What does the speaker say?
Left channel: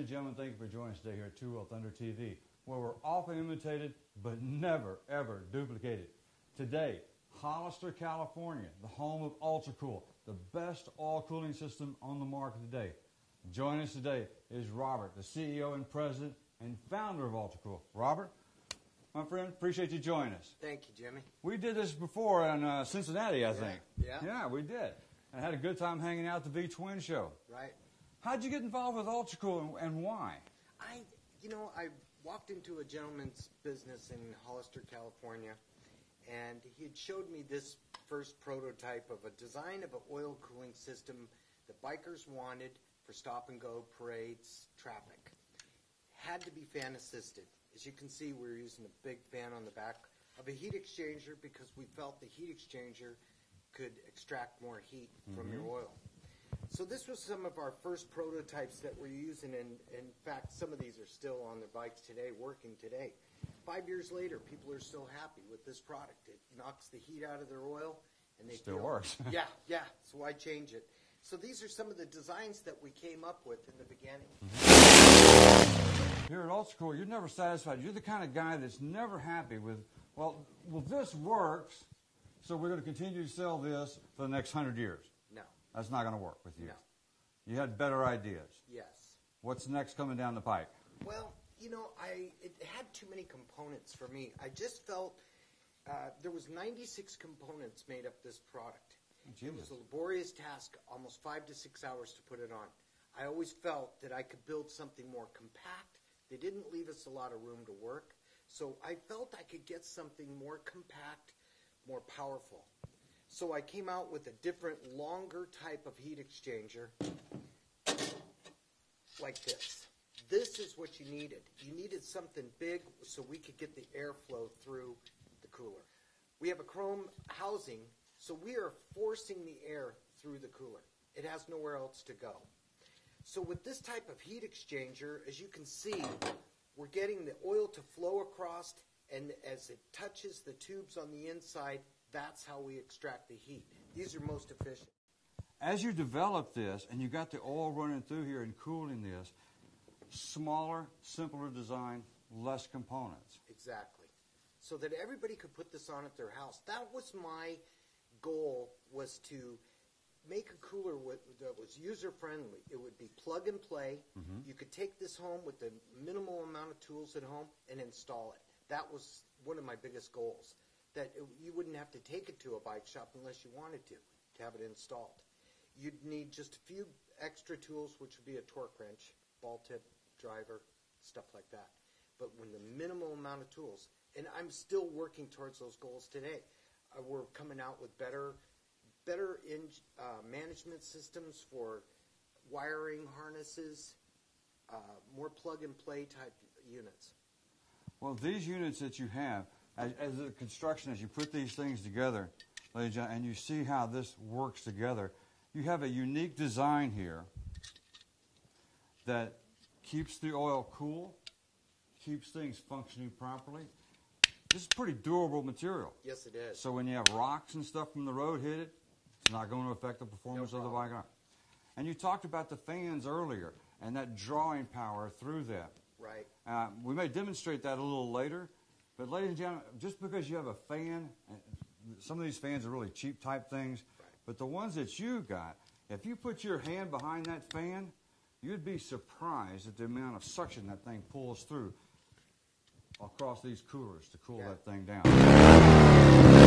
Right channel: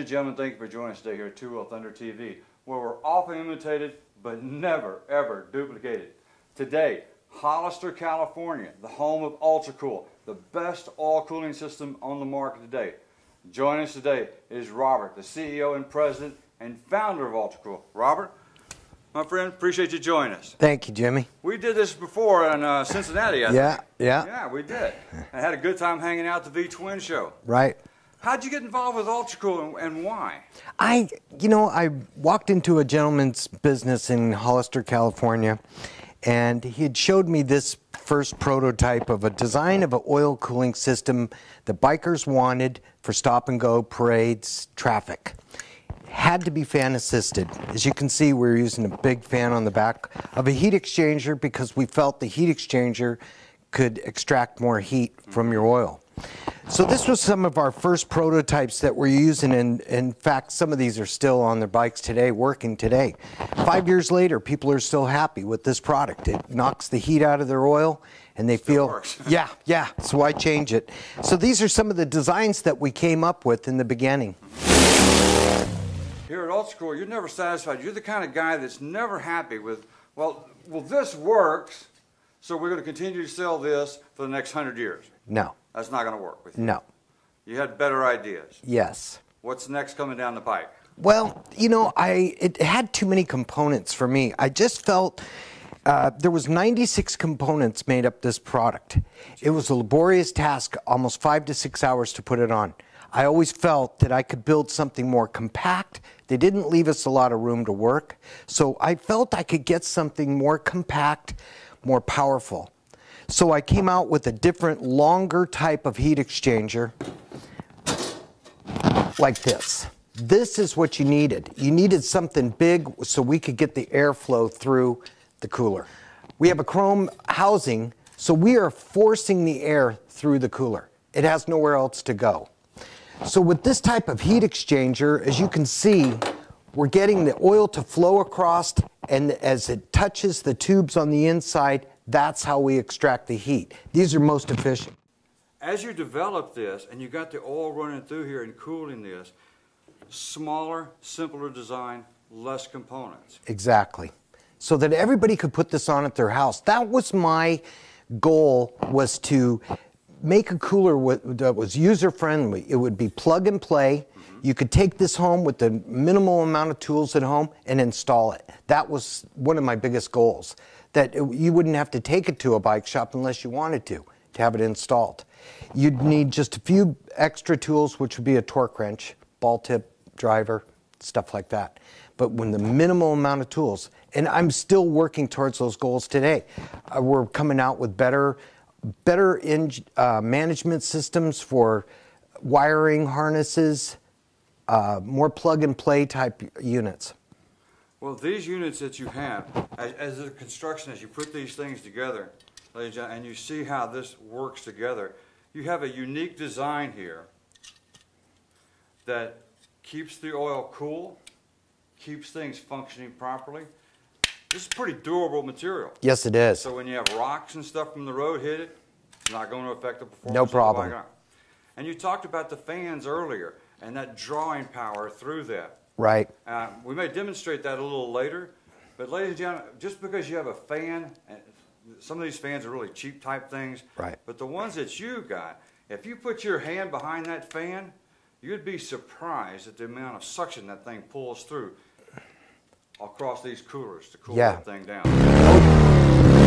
Ladies and gentlemen, thank you for joining us today here at Two Wheel Thunder TV, where we're often imitated but never, ever duplicated. Today, Hollister, California, the home of UltraCool, the best oil cooling system on the market today. Joining us today is Robert, the CEO and president and founder of UltraCool. Robert, my friend, appreciate you joining us. Thank you, Jimmy. We did this before in Cincinnati, I think. Yeah. Yeah, we did. I had a good time hanging out at the V-Twin show. Right. How'd you get involved with UltraCool and why? I walked into a gentleman's business in Hollister, California, and he had showed me this first prototype of a design of an oil cooling system that bikers wanted for stop-and-go parades, traffic. Had to be fan assisted. As you can see, we're using a big fan on the back of a heat exchanger because we felt the heat exchanger could extract more heat from your oil. So this was some of our first prototypes that we're using, and in fact some of these are still on their bikes today, working today. 5 years later, people are still happy with this product. It knocks the heat out of their oil and they still feel, works. yeah, so why change it? So these are some of the designs that we came up with in the beginning. Here at UltraCool, you're never satisfied. You're the kind of guy that's never happy with, well, this works, so we're going to continue to sell this for the next 100 years. No. That's not going to work with you. No. You had better ideas. Yes. What's next coming down the pipe? Well, it had too many components for me. I just felt there was 96 components made up this product. It was a laborious task, almost 5 to 6 hours to put it on. I always felt that I could build something more compact. They didn't leave us a lot of room to work. So I felt I could get something more compact, more powerful. So I came out with a different, longer type of heat exchanger like this. This is what you needed. You needed something big so we could get the airflow through the cooler. We have a chrome housing, so we are forcing the air through the cooler. It has nowhere else to go. So with this type of heat exchanger, as you can see, we're getting the oil to flow across, and as it touches the tubes on the inside, that's how we extract the heat. These are most efficient. As you develop this, and you got the oil running through here and cooling this, smaller, simpler design, less components. Exactly. So that everybody could put this on at their house. That was my goal, was to make a cooler that was user-friendly. It would be plug and play. You could take this home with the minimal amount of tools at home and install it. That was one of my biggest goals, that you wouldn't have to take it to a bike shop unless you wanted to have it installed. You'd need just a few extra tools, which would be a torque wrench, ball tip, driver, stuff like that. But when the minimal amount of tools, and I'm still working towards those goals today. We're coming out with better management systems for wiring harnesses, more plug-and-play type units. Well, these units that you have, as the construction, as you put these things together, ladies and gentlemen, and you see how this works together, you have a unique design here that keeps the oil cool, keeps things functioning properly. This is pretty durable material. Yes, it is. So when you have rocks and stuff from the road hit it, it's not going to affect the performance. No problem. Of the bike. And you talked about the fans earlier and that drawing power through that. Right. We may demonstrate that a little later, but ladies and gentlemen, just because you have a fan, and some of these fans are really cheap type things, right, but the ones that you got, if you put your hand behind that fan, you'd be surprised at the amount of suction that thing pulls through across these coolers to cool that thing down.